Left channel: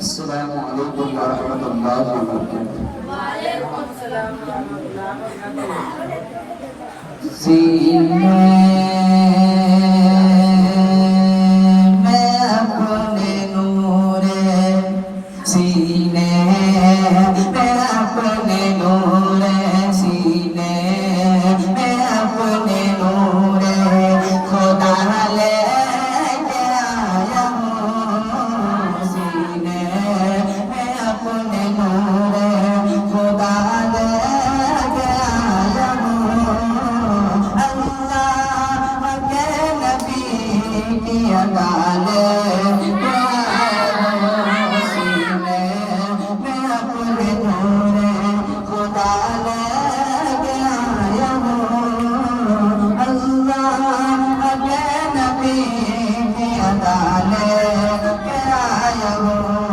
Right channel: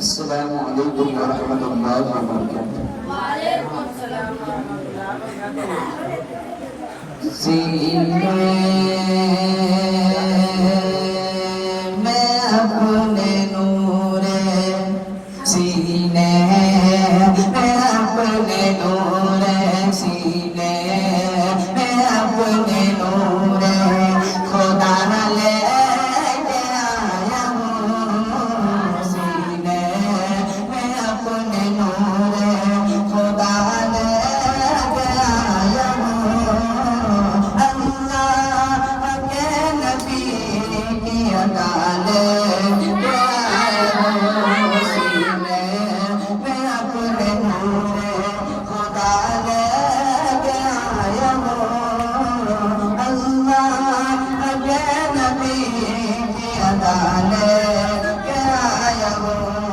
अस्सलामु अलैकुम व रहमतुल्लाहि व बरकातुहू। सीने में अपने नूरे, सीने में अपने नूरे, सीने में अपने नूरे खुदा ले के आया हूँ। सीने में अपने नूरे खुदा ले के आया हूँ। अल्लाह के नबी की अदाले के आया हूँ। सीने में अपने नूरे खुदा ले के आया हूँ। अल्लाह के नबी की अदाले के आया हूँ।